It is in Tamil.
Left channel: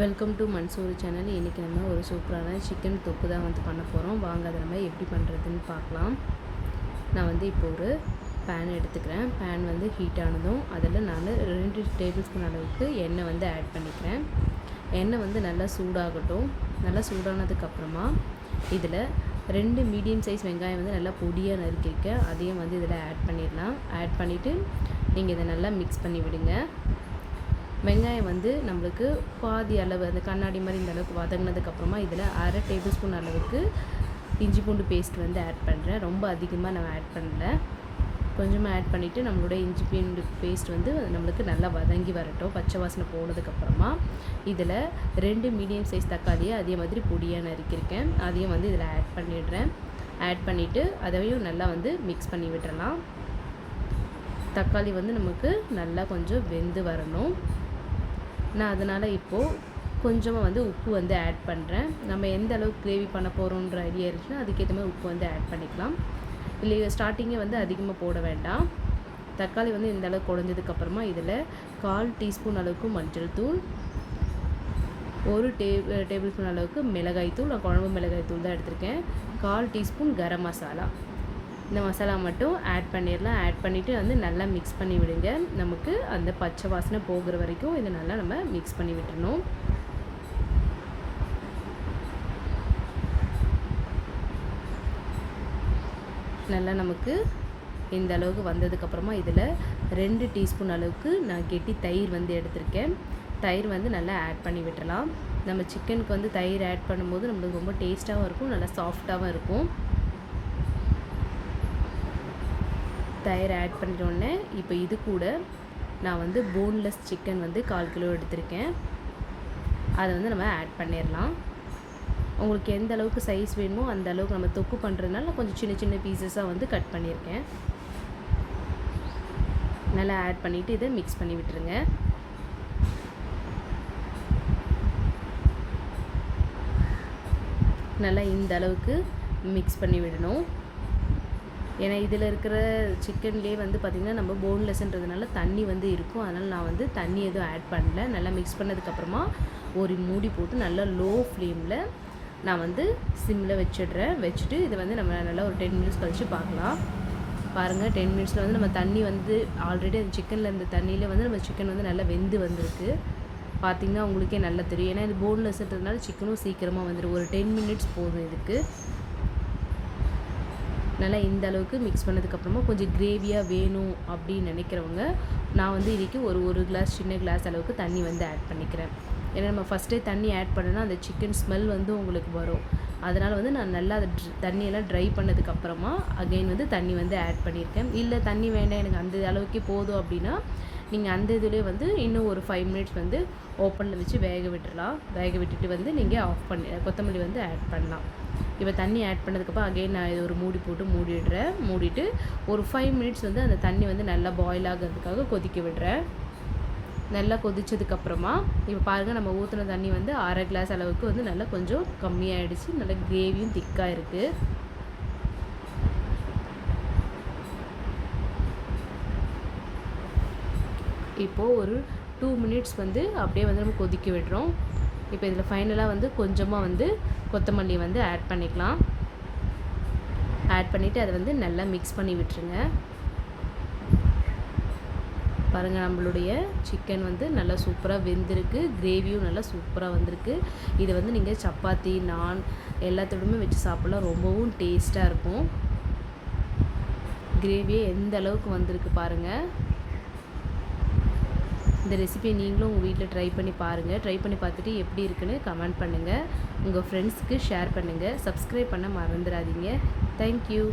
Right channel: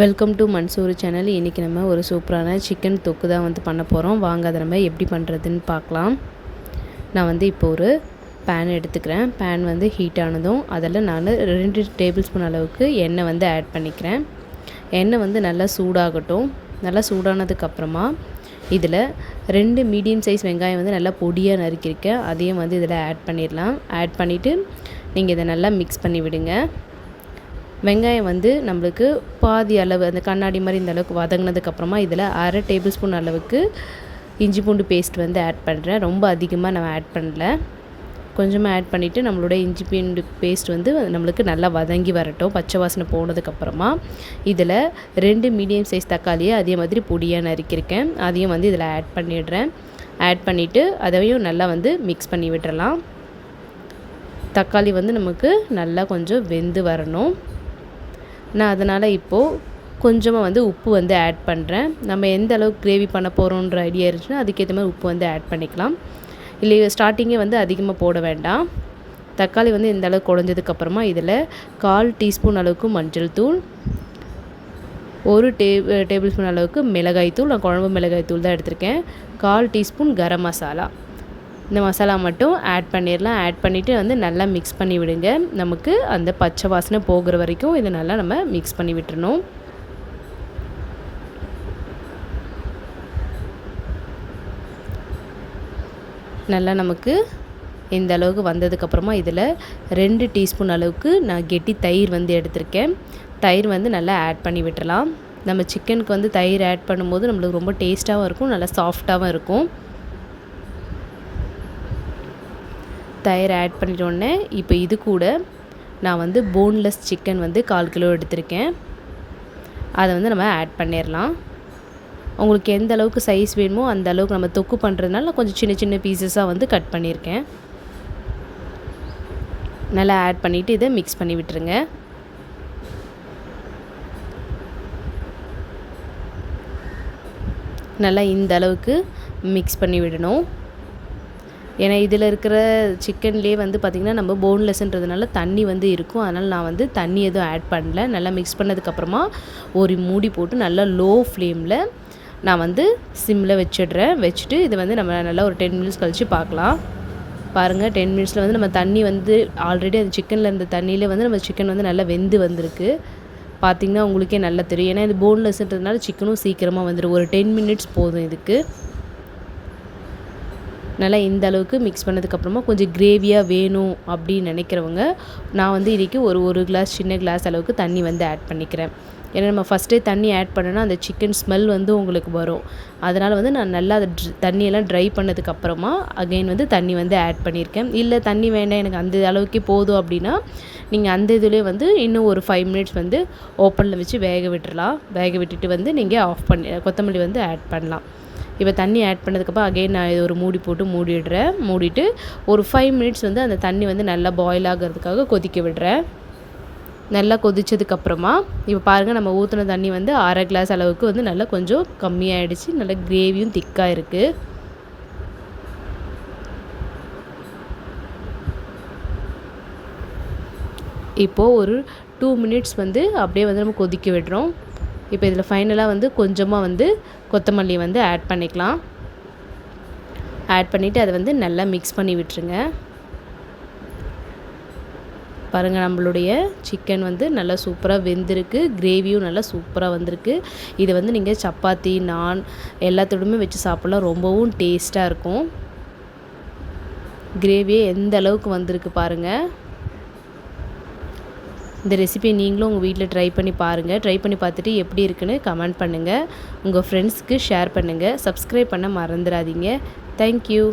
Welcome to Mansoor channel. இன்றைக்கி நம்ம ஒரு சூப்பரான சிக்கன் தொக்கு தான் பண்ண போகிறோம். வாங்க அதை நம்ம எப்படி பண்ணுறதுன்னு பார்க்கலாம். நான் இப்போ ஒரு பேன் எடுத்துக்கிறேன். பேன் ஹீட் ஆனதும் அதில் நான் 2 டேபிள் ஸ்பூன் அளவுக்கு எண்ணெய் ஆட் பண்ணிக்கிறேன். எண்ணெய் நல்லா சூடாகட்டும். நல்லா சூடானதுக்கப்புறமா இதில் 2 மீடியம் சைஸ் வெங்காயம் நல்லா பொடியாக நறுக்கியிருக்கேன். அதையும் இதில் ஆட் பண்ணிடலாம். ஆட் பண்ணிவிட்டு நீங்கள் இதை நல்லா மிக்ஸ் பண்ணி விடுங்க. வெங்காயம் நம்மளுக்கு பாதி அளவு அந்த கண்ணாடி மாதிரி இந்த அளவுக்கு வதங்கினதுக்கப்புறமா இதில் 1/2 டேபிள் ஸ்பூன் அளவுக்கு இஞ்சி பூண்டு பேஸ்ட் ஆட் பண்ணுறேன். ரொம்ப அதிகமாக நான் ஆட் பண்ணல, கொஞ்சமாக ஆட் பண்ணிவிட்டு நம்மளோட இஞ்சி பூண்டு பேஸ்ட் நம்மளுக்கு நல்லா வதங்கி வரட்டும். பச்சை வாசனை போனதுக்கப்புறமா இதில் 2 மீடியம் சைஸ் தக்காளியை அதே மாதிரி பொடியாக நறுக்கியிருக்கேன். அதையும் இதில் ஆட் பண்ணிடுறேன். ஆட் பண்ணிவிட்டு அதையும் நல்லா மிக்ஸ் பண்ணி விட்டுறலாம். தக்காளி நமக்கு நல்லா கொஞ்சம் வெந்து வரணும். நான் அதனால் இப்போது கொஞ்சமாக உப்பு ஆட் பண்ணுறேன். நம்ம எந்த அளவுக்கு கிரேவி பண்ண போகிறோன்ற ஐடியா இருந்துச்சுன்னா அதுக்கேற்ற மாதிரி உப்பு ஆட் பண்ணிக்கலாம். இல்லை ஸ்டார்டிங்கே அதிகமாக போட வேண்டாம். தக்காளி இந்த அளவுக்கு குழஞ்சதுக்கப்புறமா இதில் 1/4 டீஸ்பூன் அளவுக்கு மஞ்சள் தூள், 1 டேபிள் ஸ்பூன் அளவுக்கு மிளகாய் தூள், நான் குழம்பு மிளகாய் தூள் தான் எடுத்திருக்கேன், 1/4 டீஸ்பூன் கரம் மசாலா, இந்த மசாலா மட்டும் ஆட் பண்ணிடலாம். ஆட் பண்ணிவிட்டு நல்லா மிக்ஸ் பண்ணி விடுங்க. நமக்கு அந்த பச்சை வாசனை போகிற வரைக்கும் இதை நல்லா நம்ம மிக்ஸ் பண்ணி விட்டுறணும். நல்லா நமக்கு இந்த அளவுக்கு வந்ததுக்கப்புறமா இதில் 2 டீஸ்பூன் அளவுக்கு நான் கெட்டி தயிர் எடுத்திருக்கேன். தயிர் நல்லா ஆட் பண்ணி விட்டுறலாம். நம்ம சிக்கனுக்கு தயிர் ஆட் பண்ணும்போது நம்மளுக்கு ரொம்ப டேஸ்ட்டாகவும் இருக்கும், நல்லா சாஃப்டாகவும் இருக்கும். தயிர் ஆட் பண்ணிட்டோன்னே இப்போ இது கூட நான் போன்லெஸ் சிக்கன் 1/4 கிலோ எடுத்திருக்கேன். அதை நம்ம ஆட் பண்ணிடலாம். உங்களுக்கு எந்த அளவுக்கு சைஸ் வேணுமோ அந்த அளவுக்கு நம்ம தொக்கு பண்ணுறதுனால கொஞ்சம் சின்ன சின்ன பீசஸாக கட் பண்ணியிருக்கேன். நல்லா ஆட் பண்ணிவிட்டு இதை மிக்ஸ் பண்ணி விட்டுருங்க. நல்லா இந்த அளவுக்கு மிக்ஸ் பண்ணி விடணும். ஏன்னா இதில் இருக்கிற சிக்கன்லேயே பார்த்திங்கன்னா நம்ம போன்லெஸ்ன்றதுனால தண்ணி இருக்கும். அதனால் நான் தண்ணி எதுவும் ஆட் பண்ணல. நல்லா மிக்ஸ் பண்ணதுக்கப்புறமா ஒரு மூடி போட்டு நல்லா லோ ஃப்ளேமில் நான் சிம்மில் வச்சிடுறேன். வச்சுட்டு இது நம்ம நல்லா ஒரு 10 மினிட்ஸ் கழித்து பார்க்கலாம். பாருங்கள், 10 மினிட்ஸில் நம்ம தண்ணி ஆல்ரெடி அந்த சிக்கனில் இருந்த தண்ணியிலே நம்ம சிக்கன் நல்லா வெந்து வந்திருக்கு. பார்த்திங்கன்னா உங்களுக்கே நல்லா தெரியும். ஏன்னா இது போன்லெஸ்ன்றதுனால சிக்கனும் சீக்கிரமாக வந்துடும். ஒரு 10 மினிட்ஸ் போதும் இதுக்கு. நல்லா இந்த அளவுக்கு மிக்ஸ் பண்ணதுக்கப்புறமா கொஞ்சம் கிரேவியாக வேணும் அப்படின்னு நினைக்கிறவங்க நான் இன்றைக்கி ஒரு கிளாஸ் சின்ன கிளாஸ் அளவுக்கு தண்ணி ஆட் பண்ணிக்கிறேன். ஏன்னா நம்ம ஃபஸ்ட்டே தண்ணி ஆட் பண்ணோன்னா அந்த சிக்கன் ஸ்மெல் உங்களுக்கு வரும். அதனால் நான் நல்லா அதை தண்ணியெல்லாம் ட்ரை பண்ணதுக்கப்புறமா அகைன் தண்ணி ஆட் பண்ணியிருக்கேன். இல்லை தண்ணி வேண்டாம் எனக்கு அந்த அளவுக்கே போதும் அப்படின்னா நீங்கள் அந்த இதுலேயே இன்னும் ஒரு 5 மினிட்ஸ் ஓப்பனில் வச்சு வேக விட்டுறலாம். வேக விட்டுட்டு நீங்கள் ஆஃப் பண்ணி கொத்தமல்லி ஆட் பண்ணலாம். இப்போ தண்ணி ஆட் பண்ணதுக்கப்புறம் அகைன் நான் இது ஒரு மூடி போட்டு மூடிடுறேன். மூடிட்டு ஒரு 5 மினிட்ஸ் அந்த தண்ணி நல்லா பாயில் ஆகிறதுக்காக கொதிக்க விடுறேன். நல்லா கொதிச்சதுக்கப்புறமா இப்போ பாருங்கள், நம்ம ஊற்றின தண்ணி 1/2 கிளாஸ் அளவுக்கு நல்லா கொஞ்சம் கம்மியாகிடுச்சு. நல்லா கிரேவியும் திக்காக இருக்குது. இப்போது ஒரு 2 மினிட்ஸ் அப்படியே நம்ம கொதிக்க விடுறோம். இப்போ இதில் ஃபைனலாக கொஞ்சமாக கொத்தமல்லி ஆட் பண்ணிக்கலாம். ஆட் பண்ணிவிட்டு அதை நல்லா மிக்ஸ் பண்ணி விட்டுருங்க. பாருங்கள், நம்மளுடைய சிக்கன் நல்லா சூப்பராக வெந்திருக்கு. கிரேவியும் நல்லா சூப்பராக வந்திருக்கு. இது நீங்கள் சப்பாத்தி, நான் எல்லாத்தோடுமே வச்சு சாப்பிட்லாம். ரொம்பவும் டேஸ்ட்டாக இருக்கும். கிரேவியே எந்த அளவுக்கு வந்திருக்கு பாருங்கள். இந்த ரெசிபியை நீங்களும் உங்கள் வீட்டில் ட்ரை பண்ணி பாருங்கள். ட்ரை பண்ணி பார்த்துட்டு எப்படி இருக்குன்னு கமெண்ட் பண்ணுங்கள். உங்கள் ஃப்ரெண்ட்ஸ்க்கு ஷேர் பண்ணுங்கள். சப்ஸ்கிரைப் பண்ண மறந்துடாதீங்க. தேங்க்யூ.